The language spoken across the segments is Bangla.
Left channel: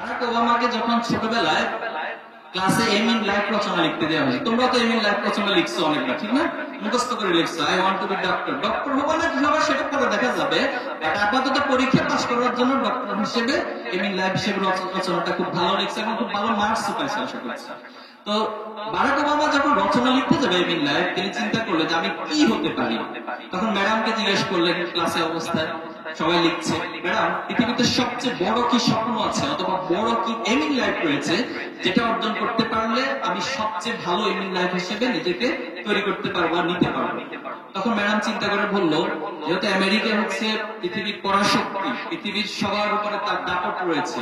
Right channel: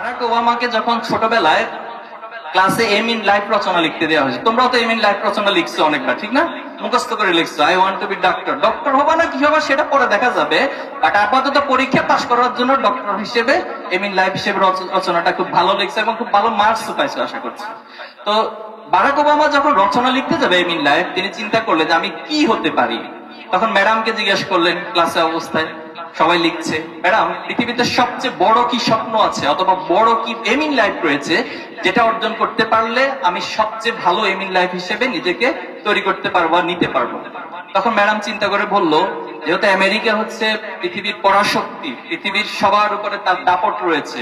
বারাক ওবামাকে যখন ছোটবেলায় ক্লাসে এম ইন লাইফ রচনা লিখতে দেওয়া হয়েছে, তোমরাও তো এম ইন লাইফ রচনা লিখছো অনেকবার, ঠিক না? মুখস্থ করে লিখছো, I want to be doctor. Doctor হবা না কি হবা সেটা পরে দেখা যাবে, বাট আপাতত পরীক্ষা পাস করার জন্য ডক্টর হিসেবে এম ইন লাইফ হিসেবে রচনাটা খুব ভালো লিখছে এবং খুব ভালো মার্কস পাইছে আশা করছি। তো বারাক ওবামা যখন রচনা লিখতে যাবে এম ইন লাইফ, তিনি চিন্তা করলেন যে আমি কি হতে পারি। তখন ম্যাডামকে জিজ্ঞেস করলেন ক্লাসে অবস্থায়, সবাই লিখছে, ম্যাডাম পৃথিবীতে সবচেয়ে বড় কি স্বপ্ন আছে অথবা বড় কি এম ইন লাইফ রয়েছে যেটা অর্জন করতে পারলে আমি সবচেয়ে ভালো এম ইন লাইফ হিসেবে নিজেকে তৈরি করতে পারবো আর নিতে পারবো। তখন ম্যাডাম চিন্তা করে বলল, যেহেতু আমেরিকা হচ্ছে পৃথিবীর পরাশক্তি, পৃথিবীর সবার উপরে তার দাপট রয়েছে,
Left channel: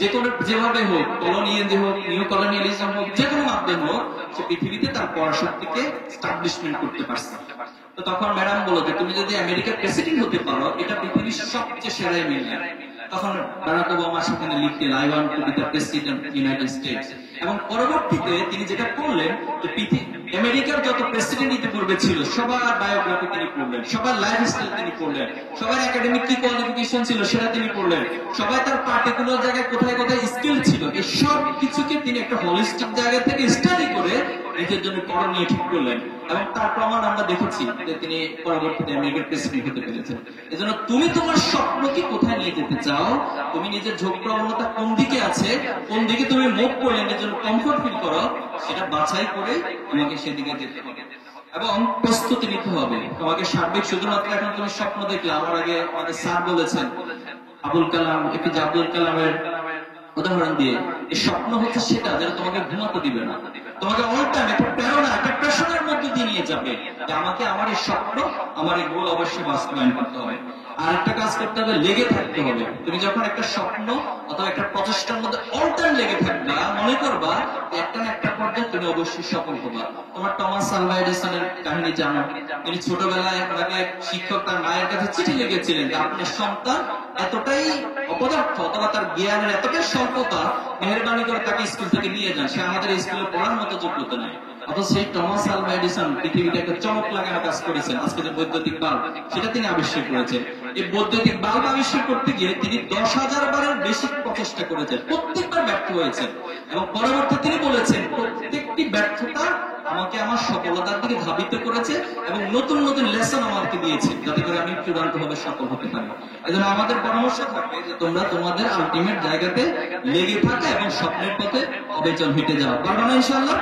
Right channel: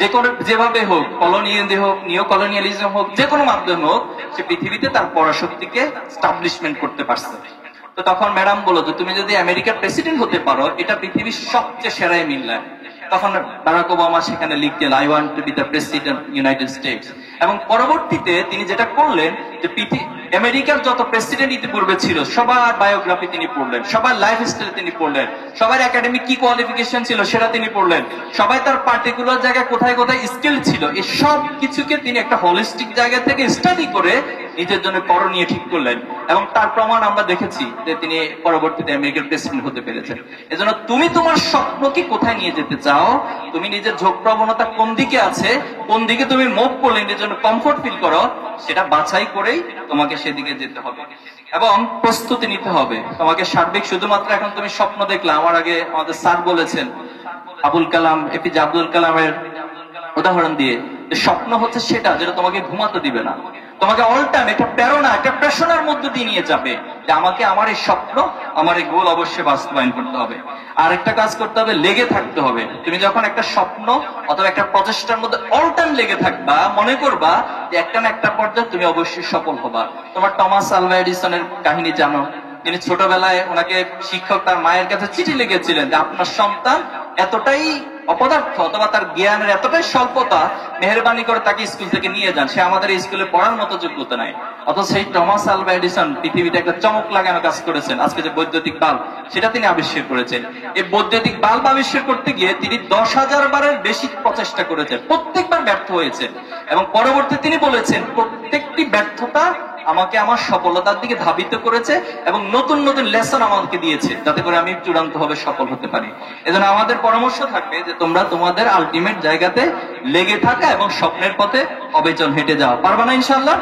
যে কোনো যেভাবে হোক, কলোনিয়ালি হোক, নিও কলোনিয়ালিজম হোক, যে কোনো মাধ্যমে হোক, সে পৃথিবীতে তার পরাশক্তিকে স্টাবলিশমেন্ট করতে পারছে। তো তখন ম্যাডাম বলল যে তুমি যদি আমেরিকার প্রেসিডেন্ট হতে পারো, এটা পৃথিবীর সবচেয়ে সেরাই মিললে। তখন বারাক ওবামা সেখানে লিখলেন, I want to B the president United states. এবং পরবর্তীতে তিনি যেটা করলেন যে আমেরিকার যত প্রেসিডেন্ট ইতিপূর্বে ছিল সবার বায়োগ্রাফি তিনি পড়লেন, সবার লাইফ স্টাইল তিনি পড়লেন, সবার একাডেমিক কি কোয়ালিফিকেশন ছিল সেটা তিনি পড়লেন, সবাই তার পার্টিকুলার জায়গায় কোথায় কোথায় স্কিল ছিল, এই সব কিছুকে তিনি একটা হোলিস্টিক জায়গা থেকে স্টাডি করে নিজের জন্য করণীয় ঠিক করলেন। এবং তার প্রমাণ আমরা দেখেছি যে তিনি পরবর্তীতে আমেরিকার প্রেসিডেন্ট হতে পেরেছেন। এজন্য তুমি তোমার স্বপ্নকে কোথায় নিয়ে যেতে চাও, তুমি নিজের ঝোঁক প্রবণতা কোন দিকে আছে, কোন দিকে তুমি মুভ করলে নিজের জন্য কমফোর্ট ফিল করো, সেটা বাছাই করেই তোমাকে সেদিকে যেতে হবে এবং প্রস্তুতি নিতে হবে। তোমাকে সার্বিক শুধুমাত্র এখন তুমি স্বপ্ন দেখলে, আমার আগে আমাদের স্যার বলেছেন আবুল কালাম, এপিজে আব্দুল কালামের উদাহরণ দিয়ে, যে স্বপ্ন হচ্ছে সেটা যেটা তোমাকে ঘুমাতে দিবে না, তোমাকে অল টাইম একটা প্রেরণা, একটা প্রেশনের মধ্যে দিয়ে নিয়ে যাবে যে আমাকে আমার এই স্বপ্ন, আমার এই গোল অবশ্যই বাস্তবায়ন করতে হবে। আর একটা কাজ করতে হবে, লেগে থাকতে হবে। তুমি যখন একটা স্বপ্ন অথবা একটা প্রচেষ্টার মধ্যে অল টাইম লেগে থাকবা, মনে করবা যে একটা না একটা পর্যায়ে তুমি অবশ্যই সফল হবা। তোমার টমাস আলভা এডিসনের কাহিনী জানো, তিনি ছোটবেলায় ওনাকে শিক্ষক তার মায়ের কাছে চিঠি লিখেছিলেন যে আপনার সন্তান এতটাই অপদার্থ অথবা তার জ্ঞানের এতটাই স্বল্পতা, মেহরবানি করে তাকে স্কুল থেকে নিয়ে যান, সে আমাদের এই স্কুলে পড়ার মতো যোগ্যতা নাই। অথচ সেই টমাস আলভা এডিসন পৃথিবীতে একটা চমক লাগানো কাজ করেছেন। আজকে যে বৈদ্যুতিক বাল্ব সেটা তিনি আবিষ্কার করেছেন, এই বৈদ্যুতিক বাল্ব আবিষ্কার করতে গিয়ে তিনি 10,000 বারের বেশি প্রচেষ্টা করেছেন, প্রত্যেকবার ব্যর্থ হয়েছেন। এবং পরবর্তী তিনি বলেছেন প্রত্যেকটি ব্যর্থতা আমাকে আমার সফলতার দিকে ধাবিত করেছে এবং নতুন নতুন লেসন আমাকে দিয়েছে, যাতে করে আমি চূড়ান্তভাবে সফল হতে পারি। এজন্য আমাদের পরামর্শ থাকবে যে তোমরা তোমাদের আলটিমেট জায়গাতে লেগে থাকা এবং স্বপ্নের পথে অবিচল হেঁটে যাও। পারবা না ইনশাল্লাহ?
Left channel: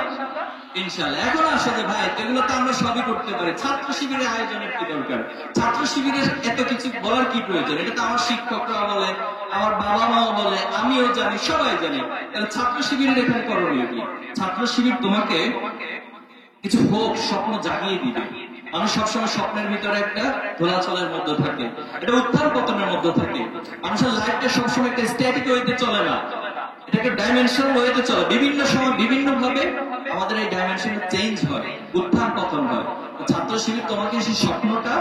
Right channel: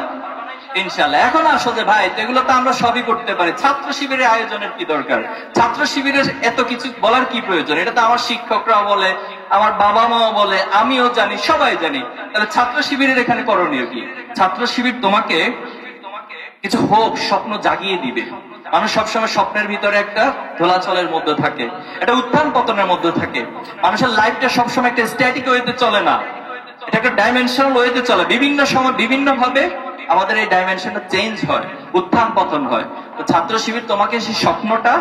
ইনশাল্লাহ। এখন আসো যে ভাই এগুলো তো আমরা সবই করতে পারি, ছাত্র শিবিরের আয়োজনের কি দরকার, ছাত্র শিবিরের এত কিছু বলার কি প্রয়োজন, এটা তো আমার শিক্ষকরা বলে, আমার বাবা মাও বলে, আমিও জানি, সবাই জানি। তাহলে ছাত্র শিবিরের এখানে করণীয় কি? ছাত্র শিবির তোমাকে কিছু হোক স্বপ্ন জাগিয়ে দিবে। মানুষ সবসময় স্বপ্নের ভিতরে একটা দোলাচলের মধ্যে থাকে, একটা উত্থান পতনের মধ্যে থাকে। মানুষের লাইফটা সবসময় একটা স্ট্যাটিক ওয়েতে চলে না, এটা একটা ডাইমেনশনাল ওয়েতে চলে। বিভিন্ন সময় বিভিন্ন ভাবে আমাদের এই ডাইমেনশনটা চেঞ্জ হয়, উত্থান পতন হয়। তো ছাত্র শিবির তোমাকে সেই স্বপ্নটা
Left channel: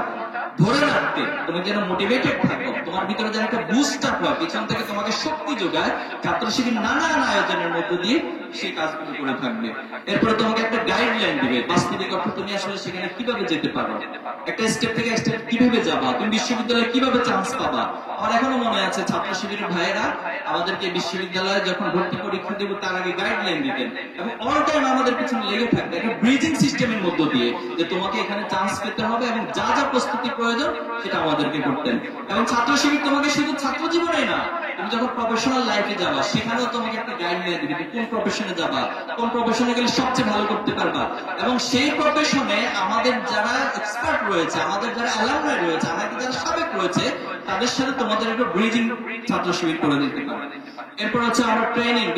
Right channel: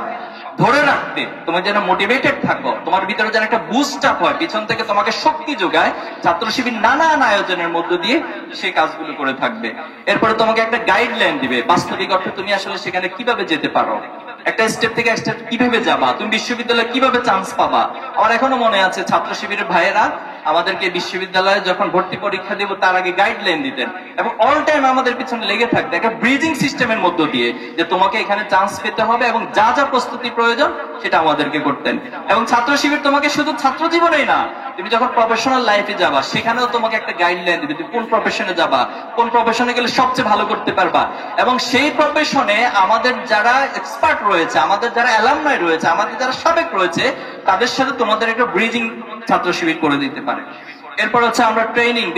ধরে রাখতে, তুমি যেন মোটিভেটেড থাকো, তোমার ভিতরে যেন একটা বুস্ট আপ হয়, পিছন থেকে তোমাকে শক্তি যোগায়, ছাত্র শিবির নানান আয়োজনের মধ্য দিয়ে সেই কাজগুলো করে থাকবে। এরপরে তোমাকে একটা গাইডলাইন দিবে, বাস্তবিক অর্থে তুমি আসলে সেখানে কিভাবে যেতে পারো, একটা স্টেপ থেকে এক স্টেপ কিভাবে যাবা, তুমি বিশ্ববিদ্যালয়ে কিভাবে চান্স পাবা। আমার এখনো মনে আছে ছাত্র শিবিরের ভাইয়েরা আমাদেরকে বিশ্ববিদ্যালয়ে যখন ভর্তি পরীক্ষা দেব তার আগে গাইডলাইন দিতেন এবং অল টাইম আমাদের পিছনে লেগে থাকতে একটা ব্রিজিং সিস্টেমের মধ্য দিয়ে যে তোমাকে এখানে চান্স পেতে হবে এবং যা যা প্রস্তুতি প্রয়োজন সেটা আমাদেরকে করতেন। এবং ছাত্র শিবির তোমাকে শুধু ছাত্র জীবনেই না, তুমি যখন প্রফেশনাল লাইফে যাবা সেখানেও তোমাকে একটা গাইডলাইন দিবে, কোন প্রফেশনে যাবা, কোন প্রফেশনে গেলে সবচেয়ে ভালো করতে পারবা। এবং সেই প্রফেশনে আমাদের যারা এক্সপার্ট রয়েছে, আমাদের যারা অ্যালামনাই রয়েছে, আমাদের যারা সাবেক রয়েছে, তাদের সাথে তোমাদের একটা ব্রিদিং ছাত্র শিবির করে দিতে পারে। এরপর হচ্ছে আমরা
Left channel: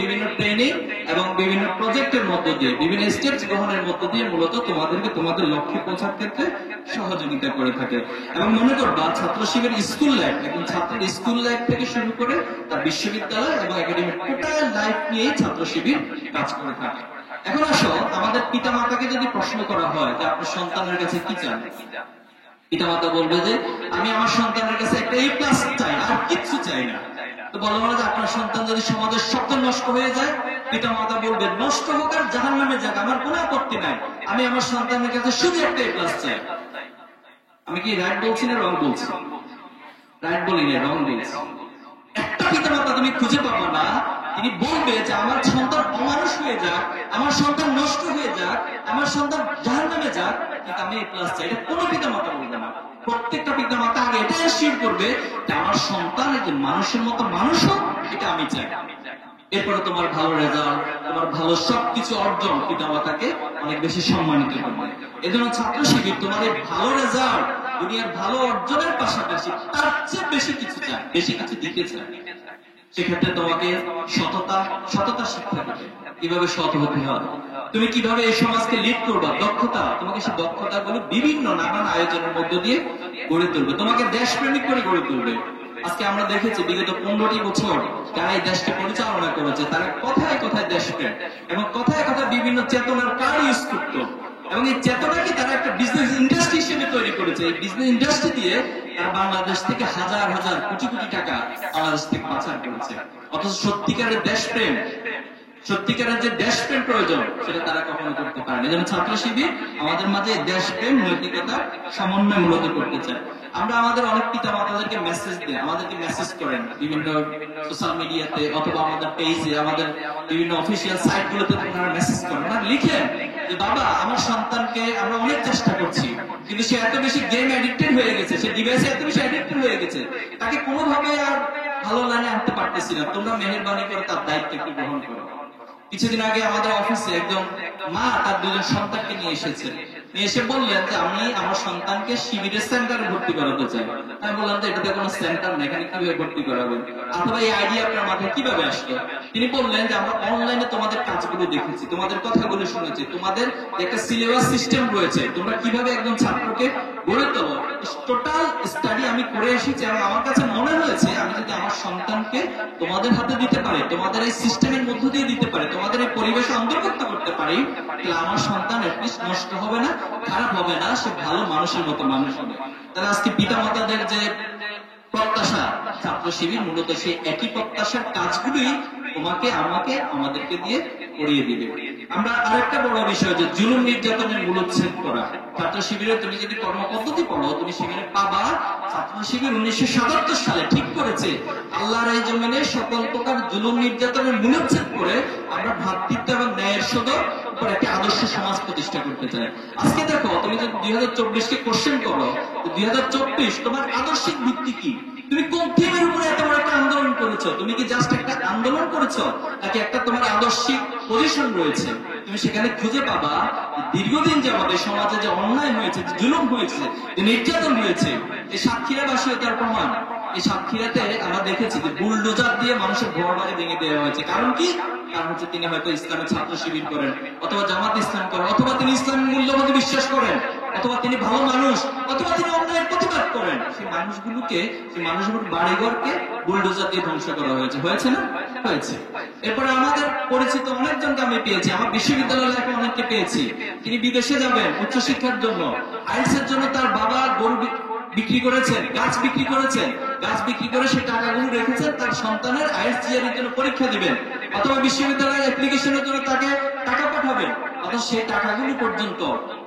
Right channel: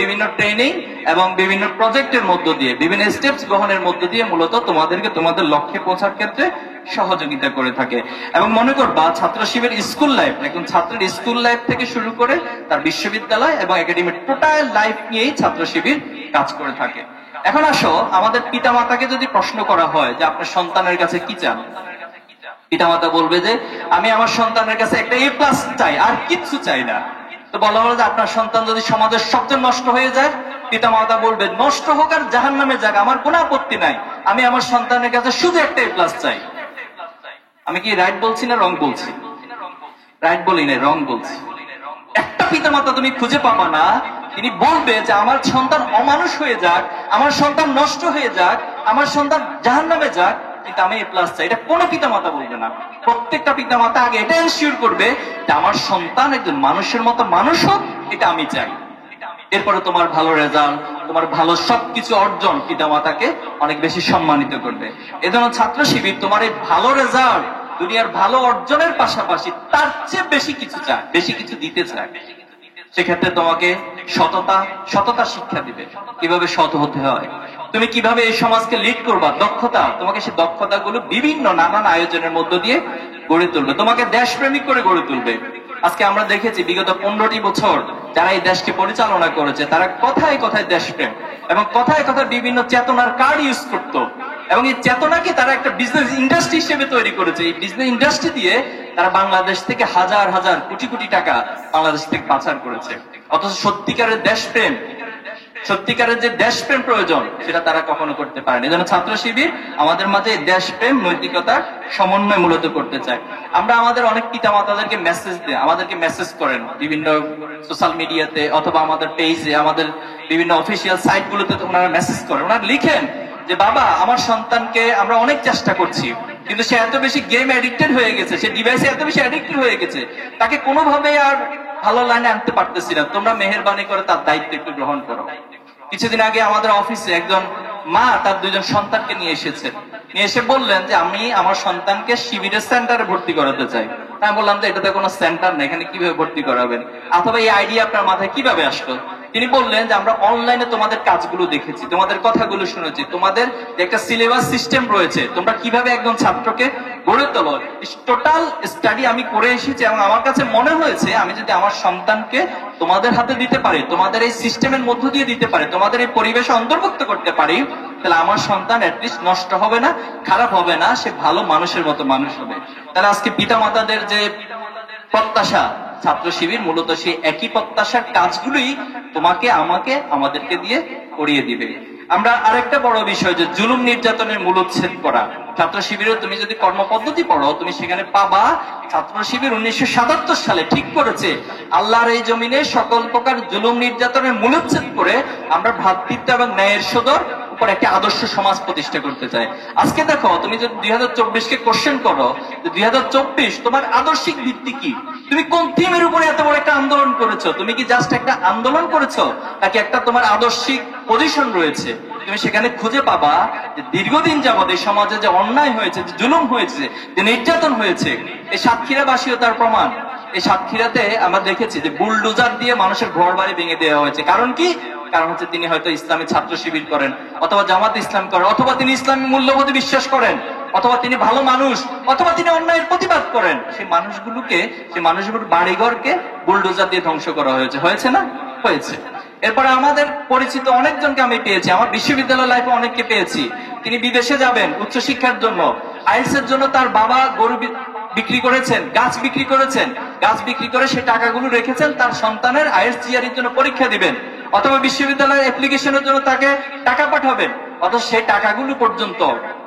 বিভিন্ন ট্রেনিং এবং বিভিন্ন প্রজেক্টের মধ্য দিয়ে, বিভিন্ন স্টেপস গ্রহণের মধ্য দিয়ে মূলত তোমাদেরকে তোমাদের লক্ষ্যে পৌঁছার ক্ষেত্রে সহযোগিতা করে থাকে। এবং মনে করবা ছাত্র শিবির স্কুল লাইফ, একজন ছাত্রের স্কুল লাইফ থেকে শুরু করে তার বিশ্ববিদ্যালয় এবং একাডেমিক টোটাল লাইফ নিয়েই ছাত্র শিবির কাজ করে থাকে। এখন আসো, আমাদের পিতামাতাকে যদি প্রশ্ন করা হয় যে আপনার সন্তানের কাছে কি চান, পিতামাতা বলবে যে আমি আমার সন্তানের কাছে একটা A+ চাই, আর কিচ্ছু চাই না। তো বলা হলো যে আপনার সন্তান যদি সমাজের সবচেয়ে নষ্ট হয়ে যায়, পিতামাতা বলবে নষ্ট হোক আর জাহান্নামে যাক, আমার কোনো আপত্তি নাই, আমি আমার সন্তানের কাছে শুধু একটা A+ চাই। আমি কি রাইট বলছি না রং বলছি? রাইট বলি না, রং বলছি। একটা পিতামাতা তুমি খুঁজে পাবা না তিনি বলবে যে আমার সন্তান অমানুষ হয়ে যাক, আমার সন্তান নষ্ট হয়ে যাক, আমার সন্তান জাহান্নামে যাক, কিন্তু আমি A+ চাই। এটা কোনো পিতামাতা বলবে না। প্রত্যেকটা পিতামাতা আগে এটা এনশিওর করবে যে আমার সন্তান একজন মানুষের মতো মানুষ হোক, এটা আমি চাই। এরপরে তোমার ভালো রেজাল্ট, তোমার ভালো সবকিছু অর্জন পিতামাতাকে অনেক বেশি সম্মানিত করবে। এজন্য ছাত্র শিবির তোমার এই ভালো রেজাল্ট, দুনিয়ার ভালো অর্জনের পাশাপাশি তার চেয়ে বেশি কিছু চায়, বেশি কিছু দিতে চায়। সেক্ষেত্রে তোমাকে সততা শিক্ষা দিবে, কিভাবে সৎ হতে হয়, তুমি কিভাবে এই সমাজকে লিড করবা, দক্ষতা, তোমাকে সেই দক্ষতাগুলো বিভিন্ন নানান আয়োজনের মধ্য দিয়ে গড়ে তুলবে, তোমাকে দেশপ্রেমিক করে গড়ে তুলবে। আজকে আমরা দেখেছি বিগত 15টি বছর যারা এই দেশকে পরিচালনা করেছে তারা কথায় কথায় দেশপ্রেম এবং কথায় কথায় বিভিন্ন চেতনার কার্ড ইউজ করত, এবং এই চেতনাকে তারা একটা বিজনেস ইন্ডাস্ট্রি হিসেবে তৈরি করেছে। এই বিজনেস ইন্ডাস্ট্রি দিয়ে তারা বাংলাদেশ থেকে হাজার হাজার কোটি কোটি টাকা বাংলাদেশ থেকে পাচার করেছে। অথচ সত্যিকারের দেশপ্রেম, সত্যিকারের যে দেশপ্রেম প্রয়োজন সেটা তারা কখনো করতে পারেনি। যেন ছাত্র শিবির আমাদের মাঝে দেশপ্রেম নৈতিকতার সমন্বয় মূলত করতে চায়। আমরা আমাদের অনেক পিতা মাতাদেরকে মেসেজ দিই, আমাদেরকে মেসেজ করেন বিভিন্ন সোশ্যাল মিডিয়াতে অথবা আমাদের পেজে, আমাদের বিভিন্ন অফিসিয়াল সাইটগুলোতে ওনারা মেসেজ করেন, ওনারা লিখেন যে বাবা আমার সন্তানকে আমরা অনেক চেষ্টা করছি, কিন্তু সে এত বেশি গেম অ্যাডিক্টেড হয়ে গেছে, সে ডিভাইসে এত বেশি অ্যাডিক্টেড হয়ে গেছে, তাকে কোনোভাবে আর ভালো লাইনে আনতে পারতেছি না, তোমরা মেহেরবানি করে তার দায়িত্ব একটু গ্রহণ করো। কিছুদিন আগে আমাদের অফিসে একজন মা তার 2জন সন্তানকে নিয়ে এসেছেন, নিয়ে এসে বললেন যে আমি আমার সন্তানকে শিবিরের সেন্টারে ভর্তি করাতে চাই। আমি বললাম যে এটাতে কোনো সেন্টার নেই, এখানে কিভাবে ভর্তি করাবেন, অথবা এই আইডিয়া আপনার মাথায় কিভাবে আসলো? তিনি বললেন যে আমরা অনলাইনে তোমাদের কাজগুলো দেখেছি, তোমাদের কথাগুলো শুনেছি, তোমাদের যে একটা সিলেবাস সিস্টেম রয়েছে, তোমরা কিভাবে একজন ছাত্রকে গড়ে তোলো, টোটাল স্টাডি আমি করে এসেছি, এবং আমার কাছে মনে হয়েছে আমি যদি আমার সন্তানকে তোমাদের হাতে দিতে পারি, তোমাদের এই সিস্টেমের মধ্য দিয়ে দিতে পারি, তোমাদের এই পরিবেশে অন্তর্ভুক্ত করতে পারি, তাহলে আমার সন্তান অ্যাটলিস্ট নষ্ট হবে না, খারাপ হবে না, সে ভালো মানুষের মতো মানুষ হবে। তাহলে আজকে পিতা মাতাদের যে প্রত্যাশা, ছাত্র শিবির মূলত সেই একই প্রত্যাশার কাজগুলোই তোমাকে আমাকে আমাদেরকে দিয়ে করিয়ে দিবে। আমরা আরেকটা বড় বিষয় যে জুলুম নির্যাতনের মূলোচ্ছেদ করা। ছাত্র শিবিরে তুমি যদি কর্মপদ্ধতি পড়ো তুমি সেখানে পাবা ছাত্র শিবির 1977 সালে ঠিক করেছে আল্লাহর এই জমিনে সকল প্রকার জুলুম নির্যাতনের মূলোচ্ছেদ করে আমরা ভ্রাতৃত্ব এবং ন্যায়ের সদর উপর একটা আদর্শ সমাজ প্রতিষ্ঠা করতে চাই। আজকে দেখো তুমি যদি 2024-কে কোশ্চেন করো, 2024 তোমার আদর্শিক ভিত্তি কি? তুমি কোন থিমের উপরে এত বড় একটা আন্দোলন করেছো? তুমি কি জাস্ট একটা আন্দোলন করেছো, নাকি একটা তোমার আদর্শিক পজিশন রয়েছে? তুমি সেখানে খুঁজে পাবা যে দীর্ঘদিন যাবৎ এই সমাজে যে অন্যায় হয়েছে, যে জুলুম হয়েছে, যে নির্যাতন হয়েছে, এই সাতক্ষীরাবাসীও তার প্রমাণ। এই সাতক্ষীরাতে আমরা দেখেছি যে বুলডোজার দিয়ে মানুষের ঘর বাড়ি ভেঙে দেওয়া হয়েছে। কারণ কি? কারণ হচ্ছে তিনি হয়তো ইসলামী ছাত্র শিবির করেন, অথবা জামাত ইসলাম করেন, অথবা তিনি ইসলামী মূল্যবোধে বিশ্বাস করেন, অথবা তিনি ভালো মানুষ, অথবা তিনি অন্যায়ের প্রতিবাদ করেন। সেই মানুষগুলোর বাড়িঘরকে বুলডোজার দিয়ে ধ্বংস করা হয়েছে। হয়েছে না? হয়েছে। এরপরে আমাদের পরিচিত অনেকজনকে আমি পেয়েছি, আমার বিশ্ববিদ্যালয় লাইফে অনেককে পেয়েছি। তিনি বিদেশে যাবেন উচ্চশিক্ষার জন্য, আইএলটিএস এর জন্য তার বাবা গরু বিক্রি করেছেন, গাছ বিক্রি করেছেন, গাছ বিক্রি করে সে টাকাগুলো রেখেছেন তার সন্তানের আইএলটিএস জিআরইর জন্য পরীক্ষা দিবেন, অথবা বিশ্ববিদ্যালয়ের অ্যাপ্লিকেশনের জন্য তাকে টাকা পাঠাবেন। অথচ সেই টাকাগুলো পর্যন্ত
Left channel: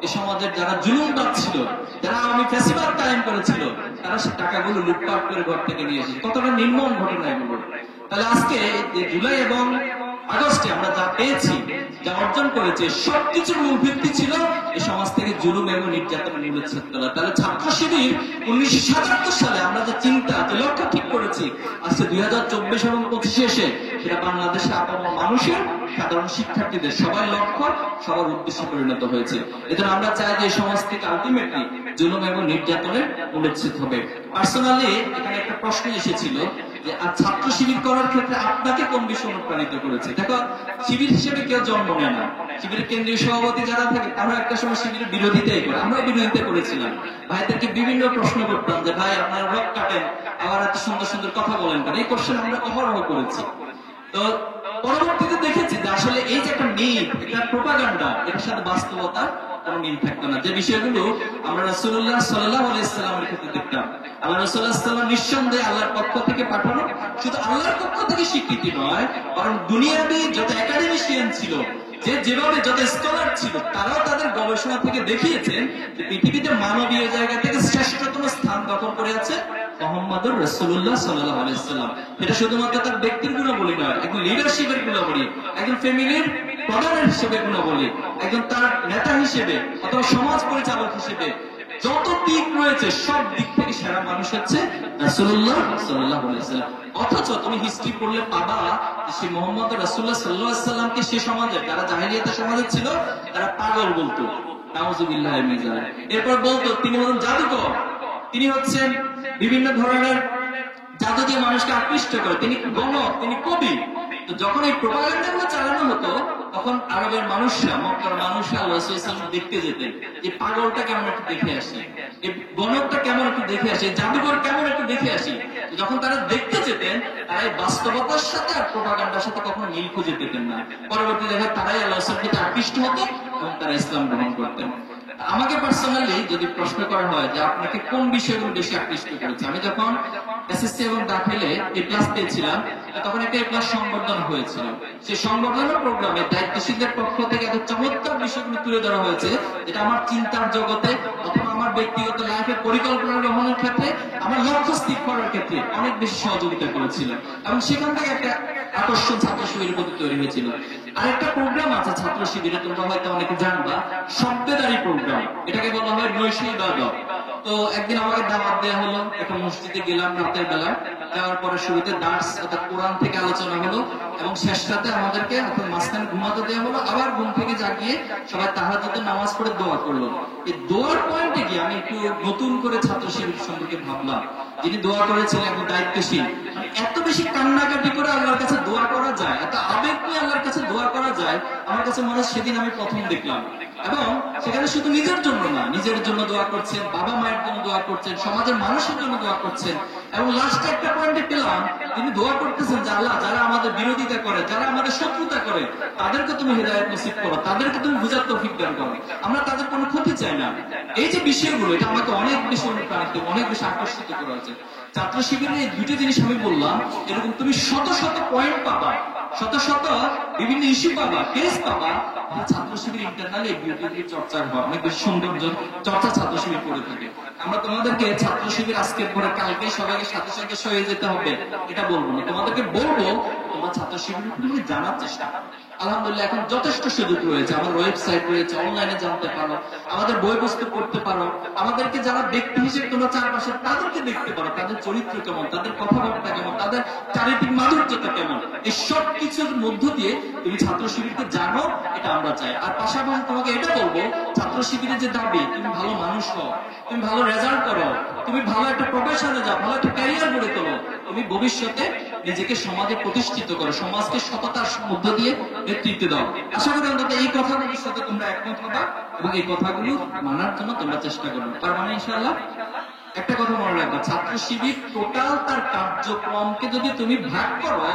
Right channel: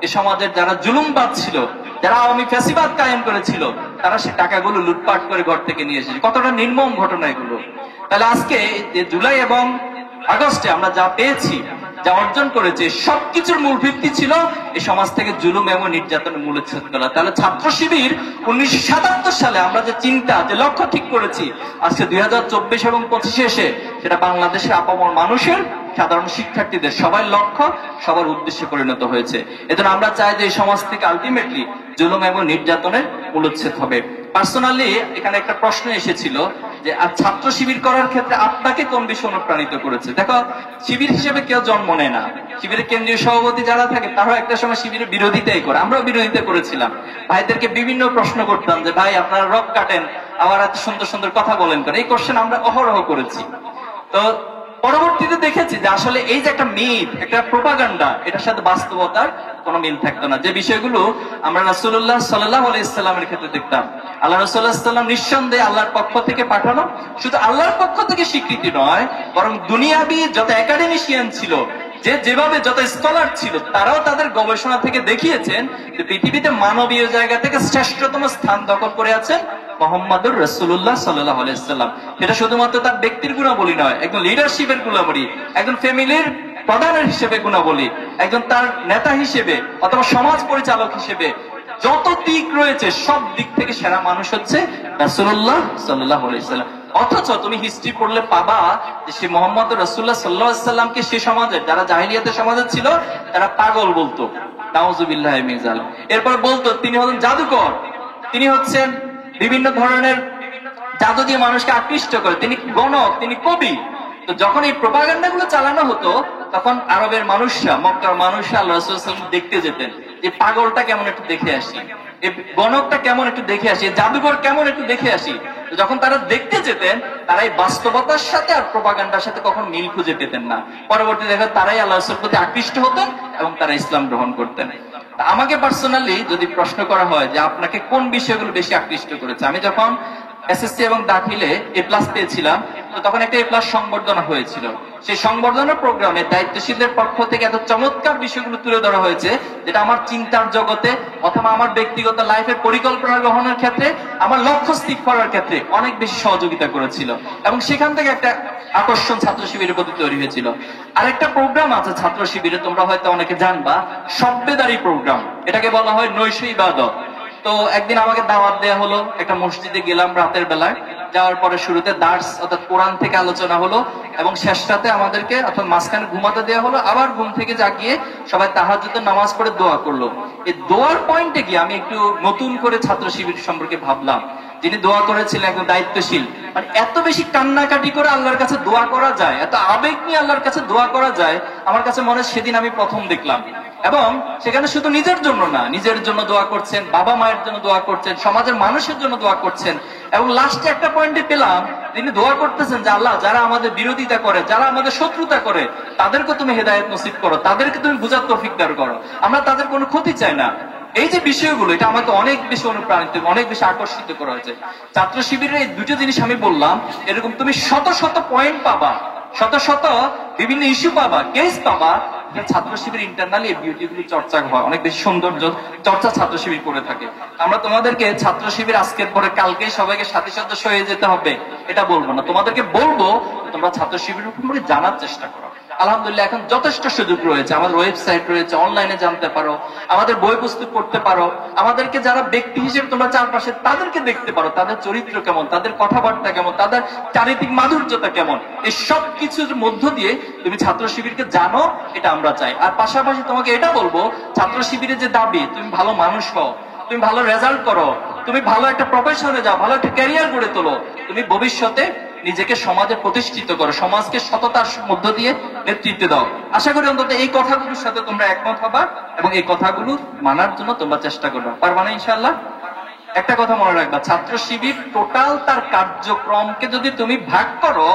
এ সমাজের যারা জুলুমবাদ ছিল, যারা আওয়ামী ফ্যাসিবাদ কায়েম করেছিল, তারা সেই টাকাগুলো লুটপাট করে ঘর থেকে নিয়ে এসেছে। কতটা নির্মম ঘটনা এগুলো। তাহলে আজকে যে জুলাই এবং আগস্টে আমরা যা পেয়েছি, যা অর্জন করেছে, সবকিছুর মূল ভিত্তি ছিল এই সমাজ থেকে জুলুম এবং নির্যাতন মূলোচ্ছেদ করা। তাহলে ছাত্র শিবির 1977 সালে আমরা যে চিন্তা, যে লক্ষ্য ঠিক করেছি, আজকে 2024 এবং 25 এসে সেটা বাংলাদেশের আপামর মানুষের, সাধারণ শিক্ষার্থীদের সবার লক্ষ্য, সবার উদ্দেশ্যে পরিণত হয়েছে। এজন্য আমরা চাই যে এই সমাজ থেকে আলটিমেটলি জুলুম এবং নির্যাতনের মূলোচ্ছেদ হবে। পার্সোনালি এখানে একটা প্রশ্ন এসেছিল যে ছাত্র শিবির করার ক্ষেত্রে আপনাকে কোন বিষয় অনুপ্রাণিত করেছে? দেখো, শিবির হিসেবে কেউ জন্ম নেয় না। শিবিরের কেন্দ্রীয় সভাপতি যারা থাকে তারাও একটা সময় শিবিরের বিরোধিতাই করে, আমরাও বিরোধিতা করেছিলাম। ভাইদেরকে বিভিন্ন প্রশ্ন করতাম যে ভাই আপনারা রক কাটেন, আবার এত সুন্দর সুন্দর কথা বলেন করে, এই কোশ্চেন আমরা অহরহ করেছি। তো পরবর্তীতে দেখেছি যে আসলে এই যে একটা মিথ, একটা প্রোপাগান্ডা, এটার সাথে বাস্তবতার কোনো মিল থাকতো না। যে বিষয়গুলো আমরা রাসূলুল্লাহ সাল্লাল্লাহু আলাইহি ওয়াসাল্লামের ক্ষেত্রে দেখতাম, আল্লাহ রাসূলুল্লাহ সাল্লাল্লাহু আলাইহি ওয়াসাল্লাম নিঃসন্দেহে আল্লাহর পক্ষ থেকে পাঠানো, শুধু আল্লাহর পক্ষ থেকে স্বীকৃতি নয়, বরং দুনিয়াবি যত একাডেমিশিয়ান ছিল, যেভাবে যত স্কলার ছিল, তারাও তাদের গবেষণা থেকে দেখিয়েছেন যে পৃথিবীতে মানবীয় জায়গা থেকে শ্রেষ্ঠতম স্থান দখল করে আছেন মোহাম্মদুর রাসূলুল্লাহ সাল্লাল্লাহু আলাইহি ওয়াসাল্লাম। এটা শুধুমাত্র তার ব্যক্তির গুণাবলী নয়, একজন লিডারশিপের গুণাবলী, একজন ফ্যামিলির প্রধানের হিসেবে গুণাবলী, একজন তার নেতা হিসেবে অথবা সমাজ পরিচালক হিসেবে যত দিক রয়েছে সব দিক থেকে সেরা মানুষ হচ্ছে রাসূলুল্লাহ সাল্লাল্লাহু আলাইহি ওয়াসাল্লাম। অথচ তুমি হিস্ট্রি পড়লে পাবা যে সে মোহাম্মদ রাসূলুল্লাহ সাল্লাল্লাহু আলাইহি ওয়াসাল্লামকে সে সমাজে যারা জাহিলিয়াতের সমাজে ছিল তারা পাগল বলতো, নাউযুবিল্লাহি মিন যালিক। এরপর বলতো তিনি হলেন জাদুকর, তিনি হচ্ছেন বিভিন্ন ধরনের জাদু দিয়ে মানুষকে আকৃষ্ট করে, তিনি গণক, তিনি কবি। তো যখন এই প্রোপাগান্ডা গুলো চালানো হতো তখন আরবের মানুষরা, মক্কার মানুষরা আল্লাহ রাসূল সাল্লাল্লাহু আলাইহি ওয়াসাল্লাম দেখতে যেতেন, এই পাগলটা কেমন একটু দেখে আসি, এই গণকটা কেমন একটু দেখে আসি, এই জাদুকর কেমন একটু দেখে আসি। তো যখন তারা দেখতে যেতেন তারা এই বাস্তবতার সাথে আর প্রোপাগান্ডার সাথে কখন মিল খুঁজে পেতেন না। পরবর্তী দেখা তারাই আল্লাহ রাসূলের প্রতি আকৃষ্ট হতেন এবং তারা ইসলাম গ্রহণ করতেন। আমাকে পার্সোনালি যদি প্রশ্ন করা হয় যে আপনাকে কোন বিষয়গুলো বেশি আকৃষ্ট করেছে, আমি যখন এসএসসি এবং দাখিলে A+ পেয়েছিলাম তো তখন একটা A+ সংবর্ধনা হয়েছিল। সেই সংবর্ধনা প্রোগ্রামে দায়িত্বশীলদের পক্ষ থেকে এত চমৎকার বিষয়গুলো তুলে ধরা হয়েছে যেটা আমার চিন্তার জগতে অথবা আমার ব্যক্তিগত লাইফের পরিকল্পনা গ্রহণের ক্ষেত্রে, আমার লক্ষ্য স্থির করার ক্ষেত্রে অনেক বেশি সহযোগিতা করেছিল এবং সেখান থেকে একটা আকর্ষণ ছাত্র শিবিরের প্রতি তৈরি হয়েছিল। আরেকটা প্রোগ্রাম আছে ছাত্র শিবিরে, তোমরা হয়তো অনেকে জানবা, শব্দেদারি প্রোগ্রাম, এটাকে বলা হয় নৈশ ইবাদত। তো একদিন আমাকে দাওয়াত দেওয়া হলো, একটা মসজিদে গেলাম রাতের বেলায়, যাওয়ার পরে শুরুতে দার্স অর্থাৎ কোরআন থেকে আলোচনা হলো এবং শেষটাতে আমাদেরকে অর্থাৎ মাঝখানে ঘুমাতে দেওয়া হলো, আবার ঘুম থেকে জাগিয়ে সবাই তাহাজ্জুদের নামাজ পড়ে দোয়া করলো। এই দোয়ার পয়েন্টে গিয়ে আমি একটু নতুন করে ছাত্র শিবির সম্পর্কে ভাবলাম। যিনি দোয়া করেছিলেন একজন দায়িত্বশীল, মানে এত বেশি কান্নাকাটি করে আল্লাহর কাছে দোয়া করা যায়, এত আবেগ নিয়ে আল্লাহর কাছে দোয়া করা যায়, আমার কাছে মনে হয় সেদিন আমি প্রথম দেখলাম। এবং সেখানে শুধু নিজের জন্য না, নিজের জন্য দোয়া করছেন, বাবা মায়ের জন্য দোয়া করছেন, সমাজের মানুষের জন্য দোয়া করছেন এবং লাস্টে একটা পয়েন্টে পেলাম তিনি দোয়া করতেছেন যে আল্লাহ যারা আমাদের বিরোধিতা করে, যারা আমাদের শত্রুতা করে তাদেরকে তুমি হেদায়েত নসিব করো, তাদেরকে তুমি বুঝার তৌফিক দান করো, আমরা তাদের কোনো ক্ষতি চাই না। এই যে বিষয়গুলো, এটা আমাকে অনেক বেশি অনুপ্রাণিত, অনেক বেশি আকর্ষিত করা হয়েছে। ছাত্র শিবিরের এই দুটো জিনিস আমি বললাম, এরকম তুমি শত শত পয়েন্ট পাবা, শত শত বিভিন্ন ইস্যু পাবা, কেস পাবা, ছাত্র শিবির ইন্টারনালি এই বিউটিগুলি চর্চা হয়, অনেক বেশি সৌন্দর্য চর্চা ছাত্র শিবির করে থাকে। আমরা তোমাদেরকে ছাত্র শিবির আজকের পরে কালকে সবাইকে সাথে সাথে হয়ে যেতে হবে এটা বলবো না, তোমাদেরকে বলবো তোমরা ছাত্র শিবির সম্পর্কে জানার চেষ্টা করো। আলহামদুলিল্লাহ এখন যথেষ্ট সুযোগ রয়েছে, আমার ওয়েবসাইট রয়েছে, অনলাইনে জানতে পারো, আমাদের বই পুস্তক করতে পারো, আমাদেরকে যারা ব্যক্তি হিসেবে তোমরা চারপাশে তাদেরকে দেখতে পারো, তাদের চরিত্র কেমন, তাদের কথাবার্তা কেমন, তাদের চারিত্রিক মাধুর্যতা কেমন, এই সব কিছুর মধ্য দিয়ে তুমি ছাত্র শিবিরকে জানো, এটা আমরা চাই। আর পাশাপাশি তোমাকে এটা বলবো, ছাত্র শিবিরের যে দাবি তুমি ভালো মানুষ হও, তুমি ভালো রেজাল্ট করো, তুমি ভালো একটা প্রফেশনে যাও, ভালো একটা ক্যারিয়ার গড়ে তোলো, তুমি ভবিষ্যতে নিজেকে সমাজে প্রতিষ্ঠিত করো, সমাজকে সততার মধ্য দিয়ে নেতৃত্ব দাও। আশা করি অন্তত এই কথাগুলোর সাথে তোমরা একমত হবা এবং এই কথাগুলো মানার জন্য তোমরা চেষ্টা করবা, পারবা না ইনশাআল্লাহ? একটা কথা মনে রাখবা, ছাত্র শিবির টোটাল তার কার্যক্রমকে যদি তুমি ভাগ করো,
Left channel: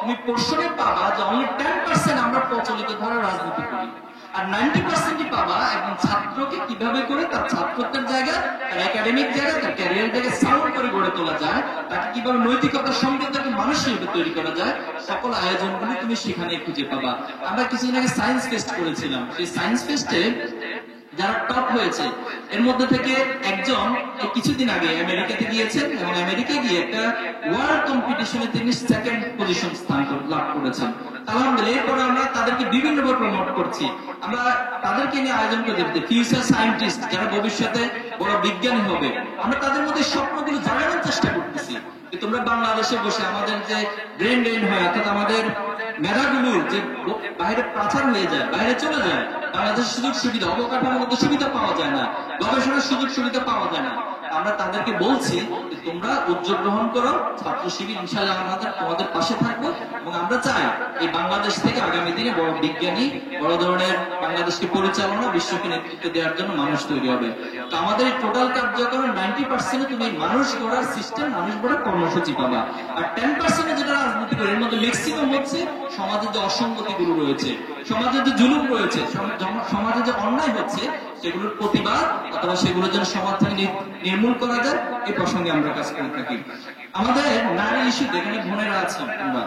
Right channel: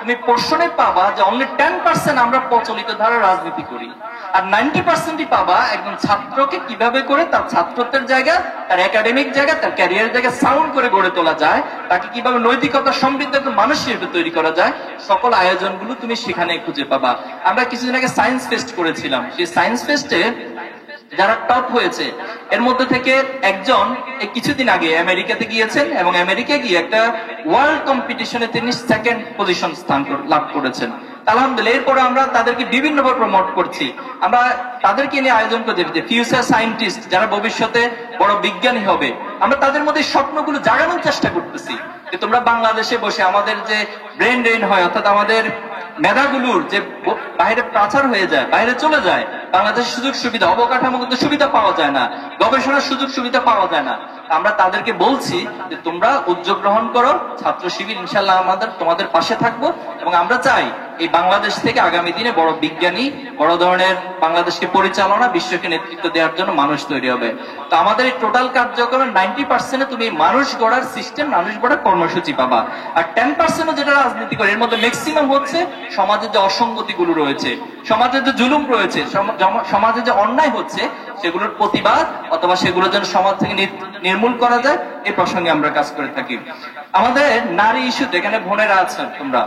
তুমি পোর্শনে পাবা যে অনলি 10% আমরা প্রচলিত ধারার রাজনীতি করি, আর 90%ই পাবা একজন ছাত্রকে কিভাবে করে তার ছাত্রত্বের জায়গা, তার একাডেমিক জায়গা, তার ক্যারিয়ার জায়গা সাউন্ড করে গড়ে তোলা যায়, তাকে কিভাবে নৈতিকতা সমৃদ্ধ একজন মানুষ হিসেবে তৈরি করা যায়, সকল আয়োজনগুলো তুমি সেখানে খুঁজে পাবা। আমরা কিছুদিন আগে সায়েন্স টেস্ট করেছিলাম, সেই সায়েন্স টেস্টে যারা টপ হয়েছে এর মধ্যে থেকে একজন কিছুদিন আগে আমেরিকাতে গিয়েছেন এবং আমেরিকায় গিয়ে একটা ওয়ার্ল্ড কম্পিটিশনে তিনি 2nd পজিশন স্থান লাভ করেছেন। আলহামদুলিল্লাহ। এরপরে আমরা তাদেরকে বিভিন্নভাবে প্রমোট করছি, আমরা তাদেরকে নিয়ে আয়োজন করছি ফিউচার সায়েন্টিস্ট যারা ভবিষ্যতে বড় বিজ্ঞানী হবে, আমরা তাদের মধ্যে স্বপ্নগুলো জাগানোর চেষ্টা করতেছি যে তোমরা বাংলাদেশে বসে আমাদের যে ব্রেন ড্রেন হয় অর্থাৎ আমাদের মেধাগুলোর যে বাইরে পাচার হয়ে যায়, বাইরে চলে যায়, বাংলাদেশের সুযোগ সুবিধা অবকাঠামোগত সুবিধা পাওয়া যায় না, গবেষণার সুযোগ সুবিধা পাওয়া যায় না। আমরা তাদেরকে বলছি যে তোমরা উদ্যোগ গ্রহণ করো, ছাত্র শিবির ইনশাল্লাহ আমাদের তোমাদের পাশে থাকবো এবং আমরা চাই এই বাংলাদেশ থেকে আগামী দিনে বড় বিজ্ঞানী, বড় ধরনের বাংলাদেশকে পরিচালনা, বিশ্বকে নেতৃত্ব দেওয়ার জন্য মানুষ তৈরি হবে। তো আমাদের এই টোটাল কার্যক্রমের 90% তুমি মানুষ গড়ার সিস্টেম, মানুষ গড়ার কর্মসূচি পাবা, আর 10% যেটা রাজনীতি করে এর মধ্যে ম্যাক্সিমাম হচ্ছে সমাজের যে অসঙ্গতিগুলো রয়েছে, সমাজের যে জুলুম রয়েছে, সমাজে যে অন্যায় হচ্ছে সেগুলোর প্রতিবাদ অথবা সেগুলো যেন সমাজ থেকে নির্মূল করা যায়, এই প্রসঙ্গে আমরা কাজ করে থাকি। আমাদের নারী ইস্যু, যেখানে বোনেরা আছেন তোমরা,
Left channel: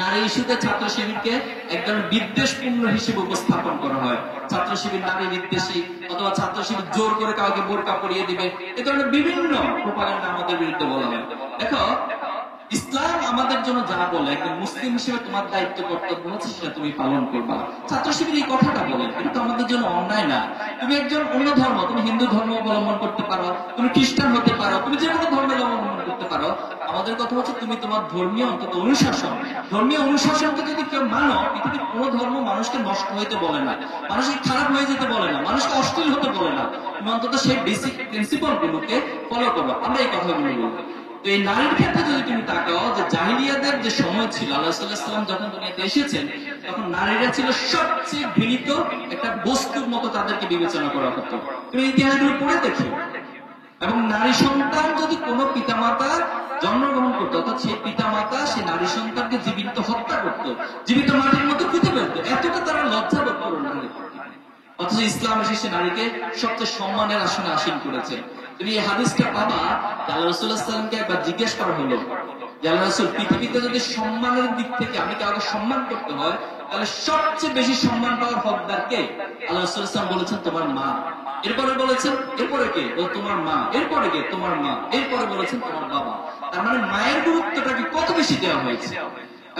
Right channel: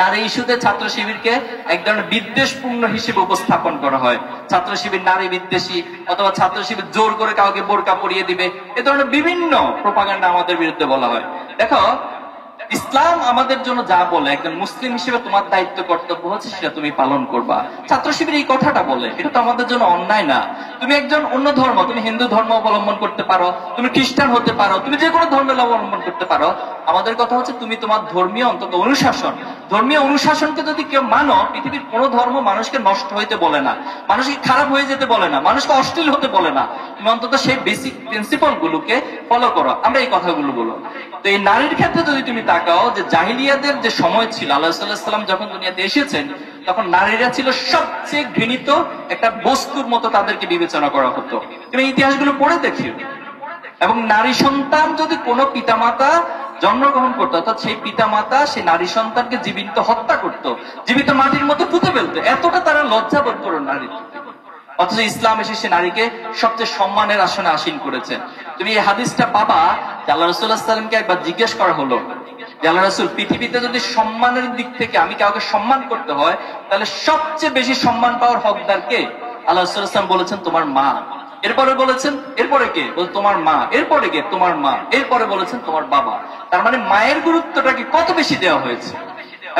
নারী ইস্যুতে ছাত্র শিবিরকে এক ধরনের বিদ্বেষপূর্ণ হিসেবে উপস্থাপন করা হয়। ছাত্র শিবির নারী বিদ্বেষী, অথবা ছাত্র শিবির জোর করে কাউকে বোরকা পরিয়ে দিবে, এ ধরনের বিভিন্ন প্রোপাগান্ডা আমাদের বিরুদ্ধে বলা হয়। দেখো, ইসলাম আমাদের জন্য যা বলে, একজন মুসলিম হিসেবে তোমার দায়িত্ব কর্তব্য হচ্ছে সেটা তুমি পালন করবা। ছাত্র শিবির এই কথাটা বলে, এটা তো আমাদের জন্য অন্যায় না। তুমি একজন অন্য ধর্ম, তুমি হিন্দু ধর্ম অবলম্বন করতে পারো, তুমি খ্রিস্টান হতে পারো, তুমি যে কোনো ধর্মের অবলম্বন করতে পারো। আমাদের কথা হচ্ছে তুমি তোমার ধর্মীয় অন্তত অনুশাসন, ধর্মীয় অনুশাসনকে যদি কেউ মানো, পৃথিবীর কোনো ধর্ম মানুষকে নষ্ট হইতে বলে না, মানুষকে খারাপ হয়ে যেতে বলে না, মানুষকে অশ্লীল হতে বলে না। তুমি অন্তত সেই বেসিক প্রিন্সিপাল গুলোকে ফলো করো। আমরা এই কথাগুলো বলো। তো এই নারীর ক্ষেত্রে যদি তুমি তাকাও, যে জাহিলিয়াদের যে সময় ছিল, আল্লাহ সাল্লাম যখন দুনিয়াতে এসেছেন, তখন নারীরা ছিল সবচেয়ে ঘৃণিত একটা বস্তুর মতো, তাদেরকে বিবেচনা করা হতো। তুমি ইতিহাসগুলো পড়ে দেখিও। এবং নারী সন্তান যদি কোনো পিতামাতা জন্মগ্রহণ করতো, অর্থাৎ সেই পিতামাতা সেই নারী সন্তানকে জীবিত হত্যা করত, জীবিত মাটির মতো পুঁতে ফেলতো, এতটা তারা লজ্জাবোধ করো নারী। অথচ ইসলাম এসে সে নারীকে সবচেয়ে সম্মানের আসনে আসীন করেছেন। তুমি এই হাদিসটা পাবা যে আল্লাহ রাসূলুল্লাহ সাল্লাল্লাহু আলাইহি ওয়াসাল্লামকে একবার জিজ্ঞেস করা হলো যে আল্লাহ রাসূল, পৃথিবীতে যদি সম্মানের দিক থেকে আমি কাউকে সম্মান করতে হয়, তাহলে সবচেয়ে বেশি সম্মান পাওয়ার হকদার কে? আল্লাহ রাসূল সাল্লাল্লাহু আলাইহি ওয়াসাল্লাম বলেছেন তোমার মা। এরপরে বলেছেন এরপরে কে? বল তোমার মা। এরপরে কে? তোমার মা। এরপরে বলেছেন তোমার বাবা। তার মানে মায়ের গুরুত্বটাকে কত বেশি দেওয়া হয়েছে।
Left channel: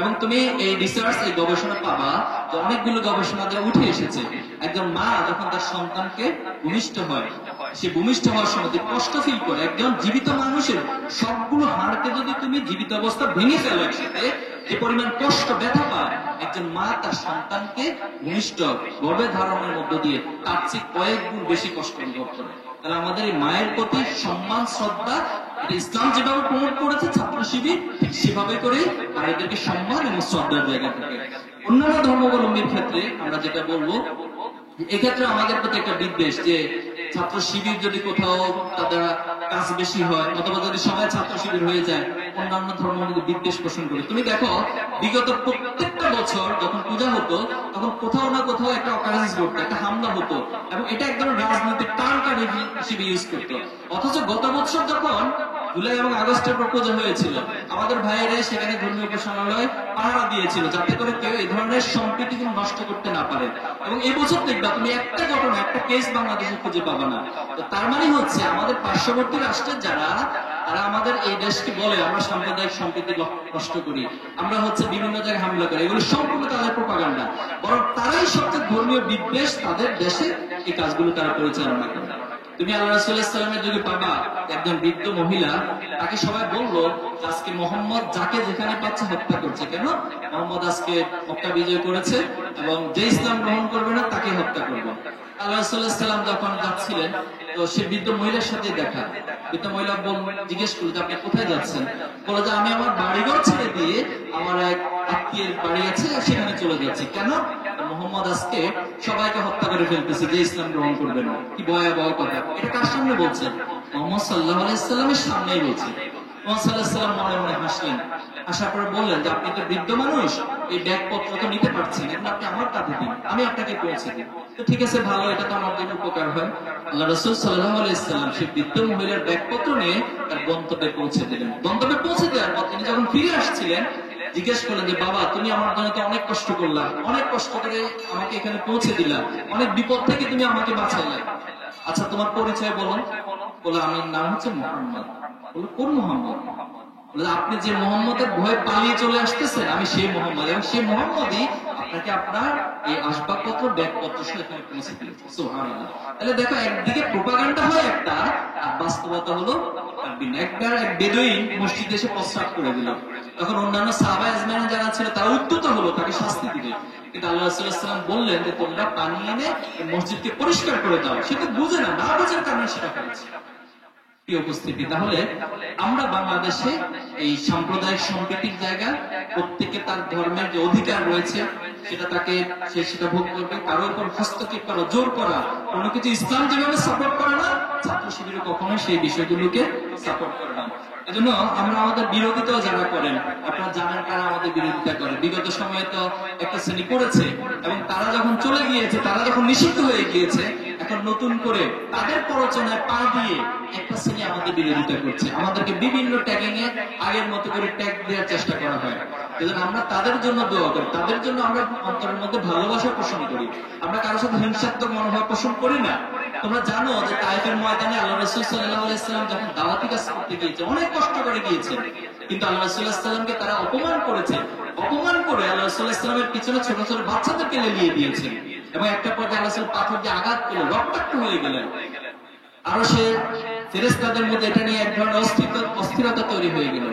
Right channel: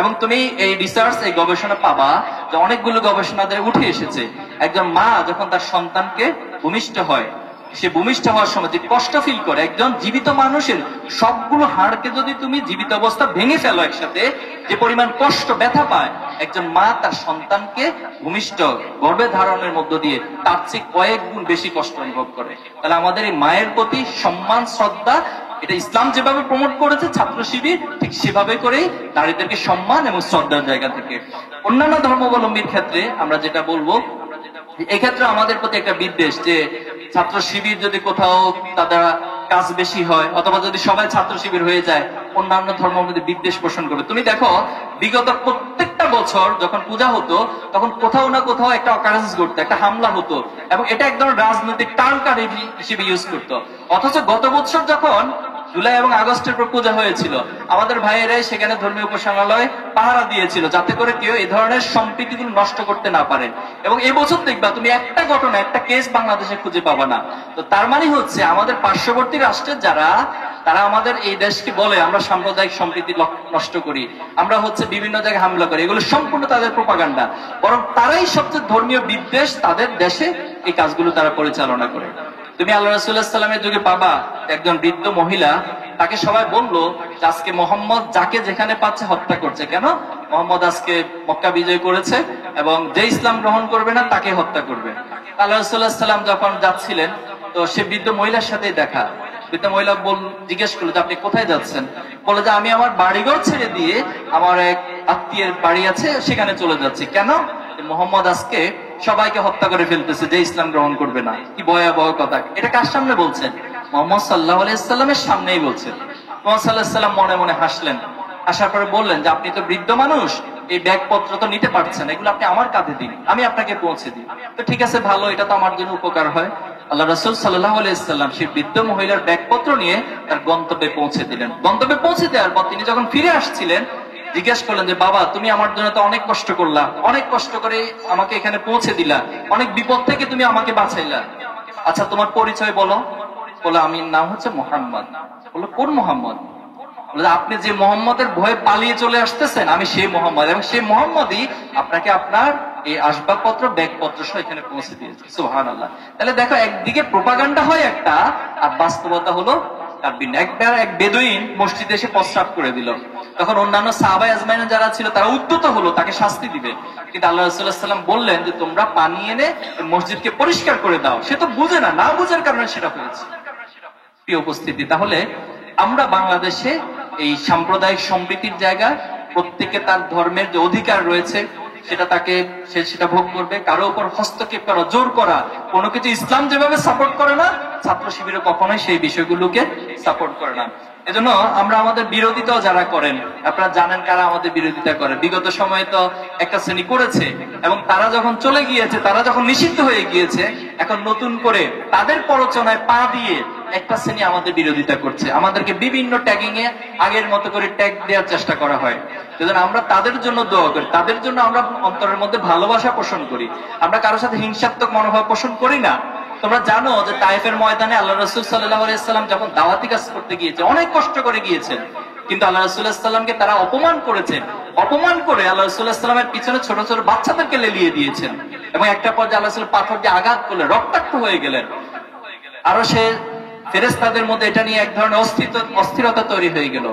এবং তুমি এই রিসার্চ, এই গবেষণা পাবা যে অনেকগুলো গবেষণা দ্বারা উঠে এসেছে, একজন মা যখন তার সন্তানকে ভূমিষ্ঠ হয়, সে ভূমিষ্ঠ হওয়ার সময় যে কষ্ট ফিল করে, একজন জীবিত মানুষের সবগুলো হাড়কে যদি তুমি জীবিত অবস্থা ভেঙে ফেলো একসাথে, যে পরিমাণ কষ্ট ব্যথা পায় একজন মা তার সন্তানকে ভূমিষ্ঠ গর্ভে ধারণের মধ্য দিয়ে, তার চেয়ে কয়েক গুণ বেশি কষ্ট অনুভব করে। তাহলে আমাদের এই মায়ের প্রতি সম্মান, শ্রদ্ধা, এটা ইসলাম যেভাবে প্রমোট করেছে ছাত্র শিবির, ঠিক সেভাবে করে নারীদেরকে সম্মান এবং শ্রদ্ধার জায়গা থেকে। অন্যান্য ধর্মাবলম্বীর ক্ষেত্রে আমরা যেটা বলবো, এক্ষেত্রে আমাদের প্রতি একটা বিদ্বেষ, যে ছাত্র শিবির যদি কোথাও তাদের কাজ বেশি হয়, অথবা যদি সবাই ছাত্র শিবির হয়ে যায়, অন্যান্য ধর্মের মধ্যে বিদ্বেষ পোষণ করে। তুমি দেখো, বিগত প্রত্যেকটা বছর যখন পূজা হতো, তখন কোথাও না কোথাও একটা অকারেন্স ঘটতো, একটা হামলা হতো, এবং এটা একদম রাজনৈতিক টালকারি হিসেবে ইউজ করতো। অথচ গত বছর যখন জুলাই এবং আগস্টের পর পূজা হয়েছিল, আমাদের ভাইয়েরাই সেখানে ধর্মীয় উপাসনালয় পাহারা দিয়েছিল, যাতে করে কেউ এই ধরনের সম্প্রীতিগুলো নষ্ট করতে না পারে। এবং এই বছর দেখবা তুমি একটা ঘটনা, একটা কেস বাংলাদেশে খুঁজে পাবা না। তো তার মানে হচ্ছে আমাদের পার্শ্ববর্তী রাষ্ট্রের যারা, তারা আমাদের এই দেশকে বলে আমরা সাম্প্রদায়িক সম্প্রীতি নষ্ট করি, আমরা হচ্ছে বিভিন্ন জায়গায় হামলা করি, এগুলো সম্পূর্ণ তাদের প্রোপাগান্ডা। বরং তারাই সবচেয়ে ধর্মীয় বিদ্বেষ, তাদের দেশে এই কাজগুলো তারা পরিচালনা করে। তুমি আল্লাহ রাসূলুল্লাহ সাল্লামের যুগে পাবা একজন বৃদ্ধ মহিলা, তাকে সবাই বললো যে আজকে মোহাম্মদ যাকে যেখানে পাচ্ছে হত্যা করছে। কেন? মোহাম্মদ আজকে মক্কা বিজয় করেছে এবং যে ইসলাম গ্রহণ করবে না তাকে হত্যা করবে। আল্লাহ রাসূলুল্লাহ সাল্লাম যখন যাচ্ছিলেন, তো সে বৃদ্ধ মহিলার সাথেই দেখা। বৃদ্ধ মহিলা জিজ্ঞেস করলো যে আপনি কোথায় যাচ্ছেন? বলে যে আমি আমার বাড়িঘর ছেড়ে দিয়ে আমার এক আত্মীয়ের বাড়ি আছে, সেখানে চলে যাচ্ছি। কেন? মোহাম্মদ আজকে সবাইকে হত্যা করে ফেলতেছে যে ইসলাম গ্রহণ করবে না। কি ভয়াবহ কথা! এটা কার সামনে বলছেন? মুহাম্মদ সাল্লাল্লাহু আলাইহি ওয়াসাল্লামের সামনেই বলছেন। মুহাম্মদ সাল্লাল্লাহু আলাইহি ওয়াসাল্লাম মনে মনে হাসলেন। আসার পরে বললেন যে আপনি তো বৃদ্ধ মানুষ, এই ব্যাগপত্র তো নিতে পারছেন, এগুলো আপনি আমার কাঁধে দিন, আমি আপনাকে পৌঁছে দিই। তো ঠিক আছে, ভালো, এটা তো আমার জন্য উপকার হয়। আল্লাহ রাসূল সাল্লাল্লাহু আলাইহি ওয়াসাল্লাম সেই বৃদ্ধ মহিলার ব্যাগপত্র নিয়ে তার গন্তব্যে পৌঁছে দিলেন। গন্তব্যে পৌঁছে দেওয়ার পর তিনি যখন ফিরে আসছিলেন, জিজ্ঞেস করলেন যে বাবা, তুমি আমার জন্য তো অনেক কষ্ট করলা, অনেক কষ্ট করে আমাকে এখানে পৌঁছে দিলা, অনেক বিপদ থেকে তুমি আমাকে বাঁচাইলা, আচ্ছা তোমার পরিচয় বলো। বলে আমি নাম হচ্ছে মোহাম্মদ। বললো কোন মোহাম্মদ? বলে আপনি যে মোহাম্মদের ভয়ে পালিয়ে চলে আসতেছেন, আমি সেই মোহাম্মদ, এবং সেই মোহাম্মদই আপনাকে আপনার এই আসবাবপত্র, ব্যাগপত্র সহ এখানে পৌঁছে দিয়েছে। সুবহানাল্লাহ। তাহলে দেখো, একদিকে প্রোপাগান্ডা হয় একটা, আর বাস্তবতা হলো তার ভিন্ন। একবার এক বেদুইন মসজিদে এসে প্রস্রাব করে দিল, তখন অন্যান্য সাহাবায়ে আজমাইন যারা ছিল তারা উদ্যত হলো তাকে শাস্তি দিবে। কিন্তু আল্লাহ রাসূলুল্লাহ সাল্লাল্লাহু আলাইহি ওয়াসাল্লাম বললেন যে তোমরা পানি এনে মসজিদকে পরিষ্কার করে দাও। সে তো বুঝে না, না বুঝার কারণে সেটা হয়েছে। প্রিয় উপস্থিতি, তাহলে আমরা বাংলাদেশে এই সাম্প্রদায়িক সম্প্রীতির জায়গা, প্রত্যেকে তার ধর্মের যে অধিকার রয়েছে সেটা তাকে সেটা ভোগ করবে। কারো উপর হস্তক্ষেপ করা, জোর করা, কোনো কিছু ইসলাম যেভাবে সাপোর্ট করে না, ছাত্র শিবিরও কখনোই সেই বিষয়গুলোকে সাপোর্ট করে না। এজন্য আমরা আমাদের বিরোধিতাও যারা করেন, আপনারা জানেন কারা আমাদের বিরোধিতা করে। বিগত সময়ে তো একটা শ্রেণী করেছে, এবং তারা যখন চলে গিয়েছে, তারা যখন নিষিদ্ধ হয়ে গিয়েছে, এখন নতুন করে তাদের প্ররোচনায় পা দিয়ে একটা শ্রেণী আমাদের বিরোধিতা করছে। আমাদেরকে বিভিন্ন ট্যাগিং এ আগের মতো করে ট্যাগ দেওয়ার চেষ্টা করা হয়। সেজন্য আমরা তাদের জন্য দোয়া করি, তাদের জন্য আমরা অন্তরের মধ্যে ভালোবাসা পোষণ করি। আমরা কারোর সাথে হিংসাত্মক মনোভাব পোষণ করি না। তোমরা জানো যে তায়েফের ময়দানে আল্লাহ রাসূল সাল্লাল্লাহু আলাইহি ওয়াসাল্লাম যখন দাওয়াতি কাজ করতে গিয়েছে অনেক কষ্ট করে গিয়েছেন, কিন্তু আল্লাহ রাসূল সাল্লাল্লাহু আলাইহি ওয়াসাল্লামকে তারা অপমান করেছে। অপমান করে আল্লাহ রাসূল সাল্লাল্লাহু আলাইহি ওয়াসাল্লামের পিছনে ছোট ছোট বাচ্চাদেরকে লেলিয়ে দিয়েছেন এবং একটা পর্যায়ে আল্লাহ রাসূল পাথর দিয়ে আঘাত করলে রক্তাক্ত হয়ে গেলেন। আরো সে ফেরেশতাদের মধ্যে এটা নিয়ে এক ধরনের অস্থিরতা তৈরি হয়ে গেল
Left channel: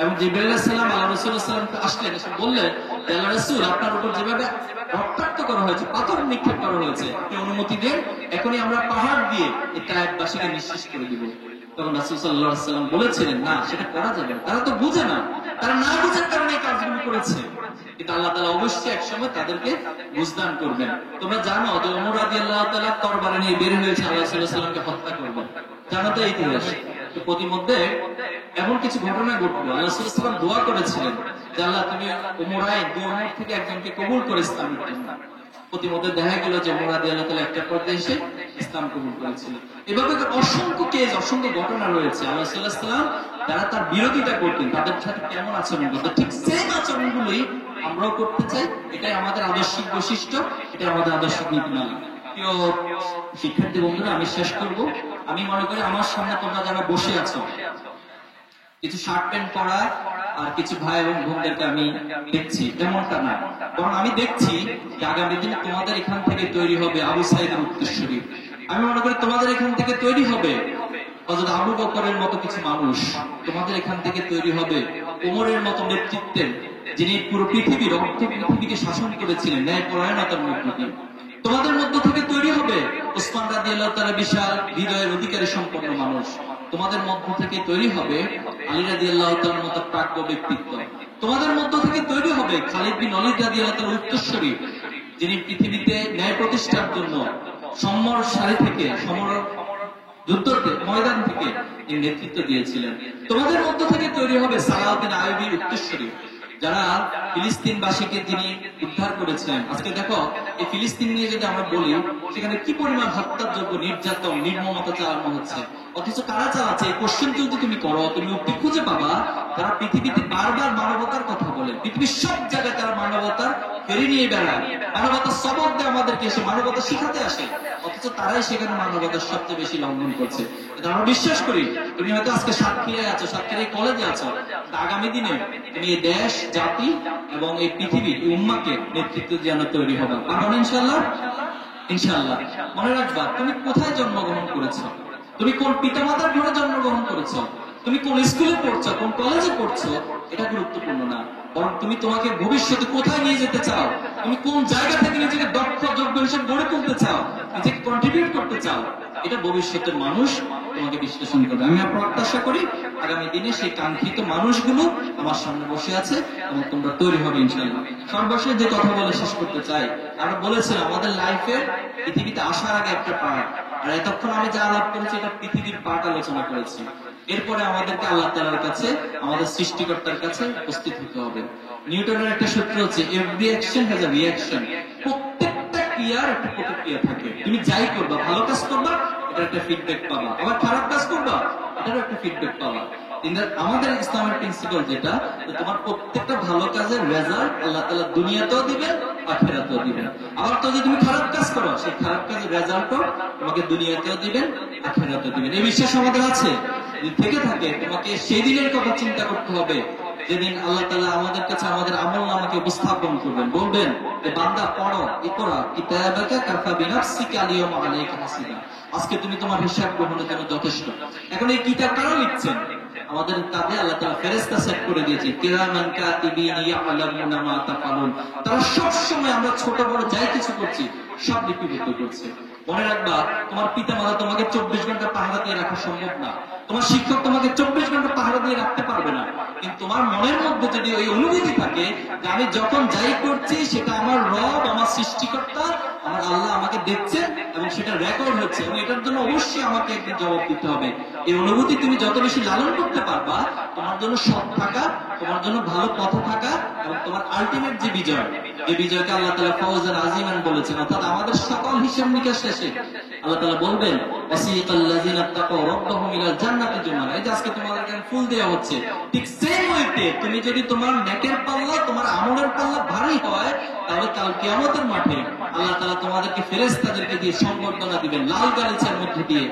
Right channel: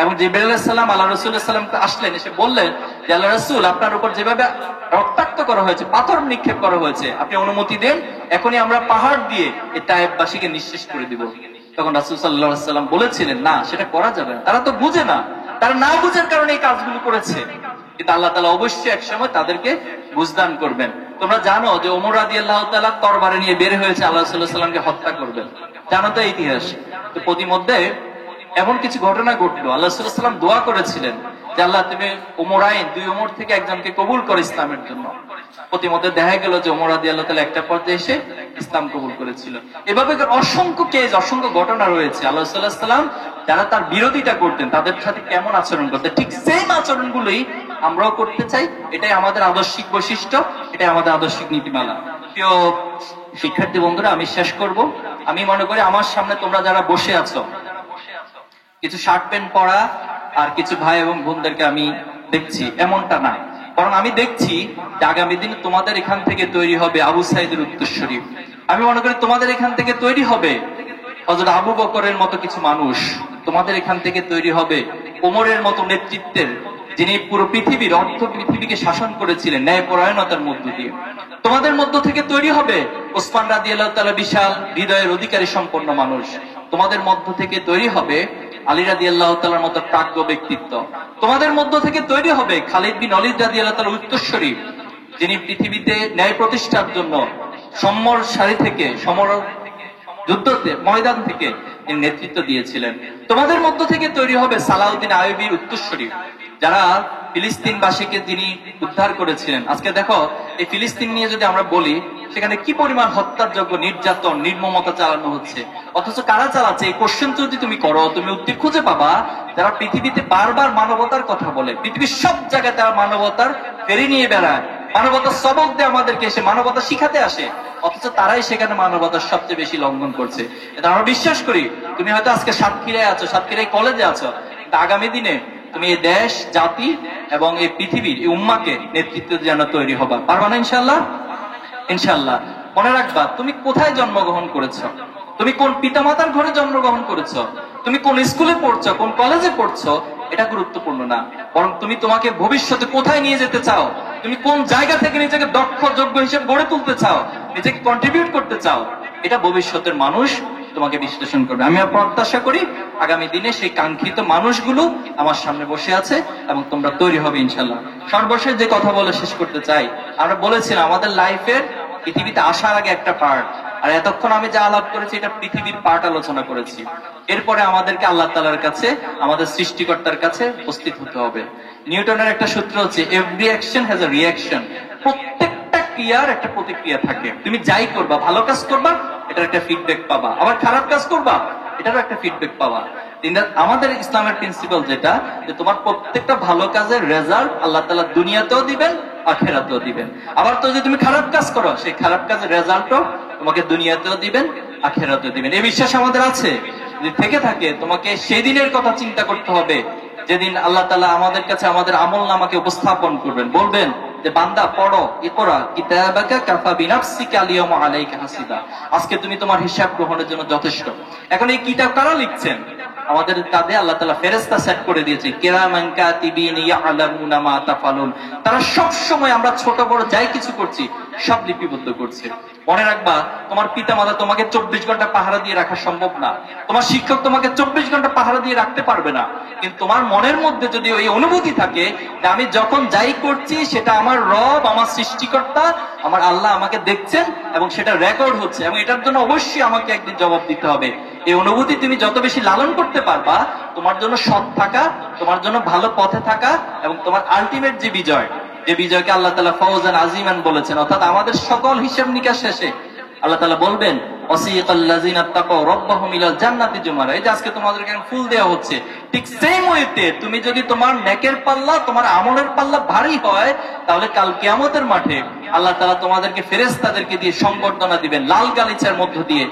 এবং জিবরাইল আলাইহিস সালাম আল্লাহ রাসূল সাল্লাল্লাহু আলাইহি ওয়াসাল্লামকে আসলেন, এসে বললেন যে আল্লাহ রাসূল, আপনার উপর যেভাবে রক্তাক্ত করা হয়েছে, পাথর নিক্ষেপ করা হয়েছে, আপনি অনুমতি দেন, এখনই আমরা পাহাড় দিয়ে এই তায়েফবাসীকে নিঃশেষ করে দিব। তখন রাসূল সাল্লাল্লাহু আলাইহি ওয়াসাল্লাম বলেছিলেন, না, সেটা করা যাবে না, তারা তো বুঝে না, তারা না বুঝার কারণে এই কাজগুলো করেছে, কিন্তু আল্লাহ তাআলা অবশ্যই একসময় তাদেরকে বুঝদান করবেন। তোমরা জানো যে ওমর রাদিয়াল্লাহু তাআলা তরবারি নিয়ে বের হয়েছে আল্লাহ রাসূল সাল্লাল্লাহু আলাইহি ওয়াসাল্লামকে হত্যা করবেন, জানো তো ইতিহাস। তো প্রতিমধ্যে এমন কিছু ঘটনা ঘটলো, আল্লাহ রাসূল সাল্লাল্লাহু আলাইহি ওয়াসাল্লাম দোয়া করেছিলেন যে আল্লাহ তুমি ওমরাইন, দুই ওমর থেকে একজনকে কবুল করো ইসলামের জন্য। প্রতিমধ্যে দেখা গেল যে ওমর রাদিয়াল্লাহু তাআলা একটা পর্যায়ে এসে ইসলাম কবুল করেছিল। এভাবে অসংখ্য কেস, অসংখ্য ঘটনা রয়েছে। আল্লাহ সাল্লাল্লাহু আলাইহি ওয়াসাল্লাম যারা তার বিরোধিতা করতেন তাদের সাথে কেমন আচরণ করতেন, ঠিক সেই আচরণগুলোই আমরাও করতে চাই। এটাই আমাদের আদর্শিক বৈশিষ্ট্য, এটাই আমাদের আদর্শিক নীতিমালা। প্রিয় শিক্ষার্থী বন্ধুরা, আমি শেষ করব। আমি মনে করি আমার সামনে তোমরা যারা বসে আছো, কিছু শার্ট প্যান্ট পরা আর কিছু ভাই এবং বোনদেরকে আমি দেখছি, এমনটা না, বরং আমি দেখছি যে আগামী দিন তোমাদের এখান থেকে তৈরি হবে আবু সাঈদের উত্তরসূরি। আমি মনে করি তোমাদের এখান থেকে তৈরি হবে হযরত আবু বকরের মতো কিছু মানুষ, তোমাদের এখান থেকে তৈরি হবে ওমরের মতো নেতৃত্বের, যিনি পুরো পৃথিবীর অর্ধ পৃথিবীকে শাসন করেছিলেন ন্যায়পরায়ণতার মধ্য দিয়ে। তোমাদের মধ্য থেকে তৈরি হবে ওসমান রাদিয়াল্লাহু তাআলা, বিশাল হৃদয়ের অধিকারী সম্পন্ন মানুষ। তোমাদের মধ্য থেকে তৈরি হবে আলী রাদিয়াল্লাহু তাআলার মতো প্রাজ্ঞ ব্যক্তিত্ব। তোমাদের মধ্য থেকে তৈরি হবে খালিদ বিন ওয়ালিদ রাদিয়াল্লাহু তাআলার উত্তরসূরি, যিনি পৃথিবীতে ন্যায় প্রতিষ্ঠার জন্য সমর সারি থেকে, সমর যুদ্ধতে ময়দান থেকে নেতৃত্ব দিয়েছিলেন। তোমাদের মধ্য থেকে তৈরি হবে সালাউদ্দিন আইয়ুবী উত্তরসূরি, যারা ফিলিস্তিনবাসীকে তিনি উদ্ধার করেছিলেন। আজকে দেখো এই ফিলিস্তিন নিয়ে যদি আমরা বলি, সেখানে কি পরিমাণ হত্যাযোগ্য নির্যাতন, নির্মমতা চালানো হচ্ছে, অথচ কারা চালাচ্ছে এই কোশ্চেন যদি তুমি করো, তুমি উত্তর খুঁজে পাবা যারা পৃথিবীতে বারবার মানবতার কথা বলে, পৃথিবীর সব জায়গায় তারা মানবতার ফেরি নিয়ে বেড়ায়, মানবতার সবক দিয়ে আমাদেরকে এসে মানবতা শিখাতে আসে, অথচ তারাই সেখানে মানবতার সবচেয়ে বেশি লঙ্ঘন করছে। এটা আমরা বিশ্বাস করি। তুমি হয়তো আজকে সাতক্ষীরায় আছো, সাতক্ষীরায় কলেজে আছো, আগামী দিনে তুমি এই দেশ, জাতি এবং এই পৃথিবীর এই উম্মাকে নেতৃত্ব যেন তৈরি হবা, পারবা না ইনশাআল্লাহ? ইনশাআল্লাহ। মনে রাখবা, তুমি কোথায় জন্মগ্রহণ করেছো, তুমি কোন পিতামাতার ঘরে জন্মগ্রহণ করেছো, তুমি কোন স্কুলে পড়ছো, কোন কলেজে পড়ছো, এটা গুরুত্বপূর্ণ না, বরং তুমি তোমাকে ভবিষ্যতে কোথায় নিয়ে যেতে চাও, তুমি কোন জায়গা থেকে নিজেকে দক্ষ, যোগ্য হিসেবে গড়ে তুলতে চাও, নিজেকে কন্ট্রিবিউট করতে চাও, এটা ভবিষ্যতের মানুষ তোমাকে বিশ্লেষণ করবে। আমি আর প্রত্যাশা করি আগামী দিনে সেই কাঙ্ক্ষিত মানুষগুলো আমার সামনে বসে আছে এবং তোমরা তৈরি হবে ইনশাল্লাহ। সর্বশেষ যে কথা বলে শেষ করতে চাই, আমরা বলেছিলাম আমাদের লাইফের পৃথিবীতে আসার আগে একটা পার্ট, আর এতক্ষণ আমি যা আলাপ করেছি এটা পৃথিবীর পার্ট আলোচনা করেছি। এরপরে আমাদেরকে আল্লাহ তাআলার কাছে, আমাদের সৃষ্টিকর্তার কাছে উপস্থিত হতে হবে। নিউটনের একটা সূত্র হচ্ছে every action has a reaction, প্রত্যেকটা ক্রিয়ার একটা প্রতিক্রিয়া থাকে। তুমি যাই করবা, ভালো কাজ করবা, এটার একটা ফিডব্যাক পাবা, আবার খারাপ কাজ করবা, এটারও একটা ফিডব্যাক পাবা। আমাদের ইসলামের প্রিন্সিপাল যেটা, যে তোমার প্রত্যেকটা ভালো কাজের রেজাল্ট আল্লাহ তাআলা দুনিয়াতেও দিবেন, আখিরাতেও দিবেন। আবার তো যদি তুমি খারাপ কাজ করো, সেই খারাপ কাজের রেজাল্টও তোমাকে দুনিয়াতেও দিবেন, আখিরাতেও দিবেন। এই বিশ্বাস আমাদের আছে। যদি থেকে থাকে, তোমাকে সেই দিনের কথা চিন্তা করতে হবে যেদিন আল্লাহ তাআলা আমাদের কাছে আমাদের আমলনামাকে উপস্থাপন করবেন, বলবেন যে বান্দা পড়ো, ইকরা কিতাবাকা কাফা বিনাফসিকা আল-ইয়াওমা আলাইকা হাসিবা, আজকে তুমি তোমার হিসাব গ্রহণের জন্য যথেষ্ট। এখন এই কিতাব কারা লিখছেন? আমাদের কাঁধে আল্লাহ তাআলা ফেরেশতা সেট করে দিয়েছে, কিরামান কাতিবিন ইয়ালামুনা মা তাফালুন। তারা সব সময় আমরা ছোট বড় যাই কিছু করছি সব লিপিবদ্ধ করছে। মনে রাখবা, তোমার পিতামাতা তোমাকে 24 ঘন্টা পাহারা দিয়ে রাখা সম্ভব না, তোমার শিক্ষক তোমাকে 24 ঘন্টা পাহারা দিয়ে রাখতে পারবে না, কিন্তু তোমার মনের মধ্যে যদি ওই অনুভূতি থাকে যে আমি যখন যাই করছি সেটা আমার রব, আমার সৃষ্টিকর্তা, আমার আল্লাহ আমাকে দেখছেন এবং সেটা রেকর্ড হচ্ছে এবং এটার জন্য অবশ্যই আমাকে একদিন জবাব দিতে হবে, এই অনুভূতি তুমি যত বেশি লালন করতে পারবা, তোমার জন্য সৎ থাকা, তোমার জন্য ভালো পথে থাকা এবং তোমার আলটিমেট যে বিজয়, যে বিজয়কে আল্লাহ তাআলা ফাওজান আজিমান বলেছেন, অর্থাৎ আমাদের সকল হিসাব নিকাশ শেষে আল্লাহ তাআলা বলবেন ওয়াসিকাল্লাযিনা তাকাউ রাব্বাহুম ইলাল জান্নাতি জুমারা। এই যে আজকে তোমাদেরকে ফুল দেওয়া হচ্ছে, ঠিক সেম ওয়েতে তুমি যদি তোমার নেকের পাল্লা, তোমার আমলের পাল্লা ভারী হয়, তাহলে কাল কিয়ামতের মাঠে আল্লাহ তাআলা তোমাদেরকে ফেরেশতাদেরকে দিয়ে সংবর্ধনা দিবেন, লাল গালিচার মধ্য দিয়ে,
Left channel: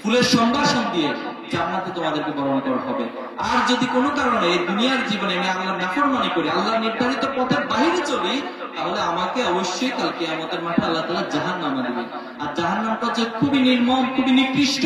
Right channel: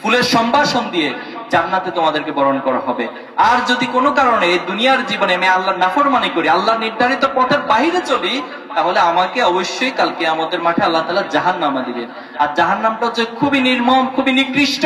ফুলের সম্ভাষণ দিয়ে জান্নাতে তোমাদেরকে বরণ করা হবে। আর যদি কোনো কারণে এই দুনিয়ার জীবনে আমি আল্লাহর নাফরমানি করি, আল্লাহ নির্ধারিত পথের বাইরে চলি, তাহলে আমাকে অবশ্যই কাল কিয়ামতের মাঠে আল্লাহ তাআলা জাহান্নামে দিবেন। আর জাহান্নামটা হচ্ছে খুবই নির্মম, খুবই নিকৃষ্ট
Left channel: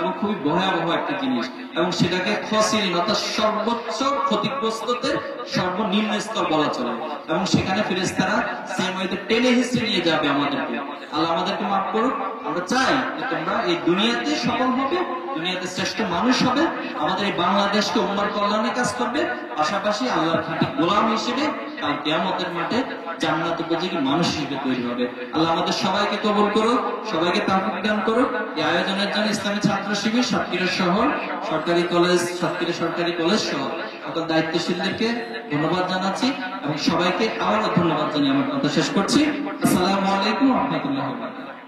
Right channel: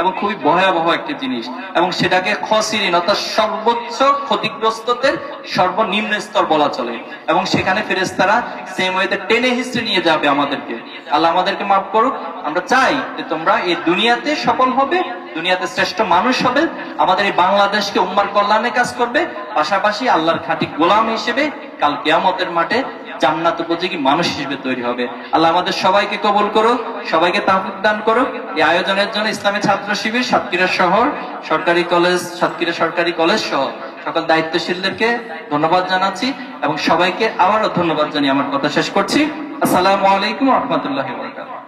এবং খুবই ভয়াবহ একটা জিনিস, এবং সেটাকে খসিরিন অর্থাৎ সর্বোচ্চ ক্ষতিগ্রস্তদের সর্বনিম্ন স্তর বলা চলে। এবং সেখানে ফেরেশতারা সেম ওয়েতে টেনে হিচড়ে নিয়ে যাবে আমাদেরকে। আল্লাহ আমাদেরকে মাফ করুক। আমরা চাই যে তোমরা এই দুনিয়াতে সফল হবে, দুনিয়াতে শ্রেষ্ঠ মানুষ হবে, আমাদের এই বাংলাদেশকে উম্মার কল্যাণে কাজ করবে, পাশাপাশি আল্লাহর খাঁটি গোলাম হিসেবে কাল কিয়ামতের মাঠে জান্নাত উপযোগী মানুষ হিসেবে তৈরি হবে। আল্লাহ আমাদের সবাইকে কবুল করুক, সবাইকে তাওফিক দান করুক। এই আয়োজনের জন্য ইসলামী ছাত্র শিবির সাতক্ষীরা শহর সরকারি কলেজ, সাতক্ষীরা সরকারি কলেজ সহ সকল দায়িত্বশীলদেরকে ধন্যবাদ জানাচ্ছি এবং সবাইকে আবারও ধন্যবাদ জানিয়ে আমার কথা শেষ করছি। আসসালামু আলাইকুম ওয়া রাহমাতুল্লাহি ওয়া বারাকাতুহু।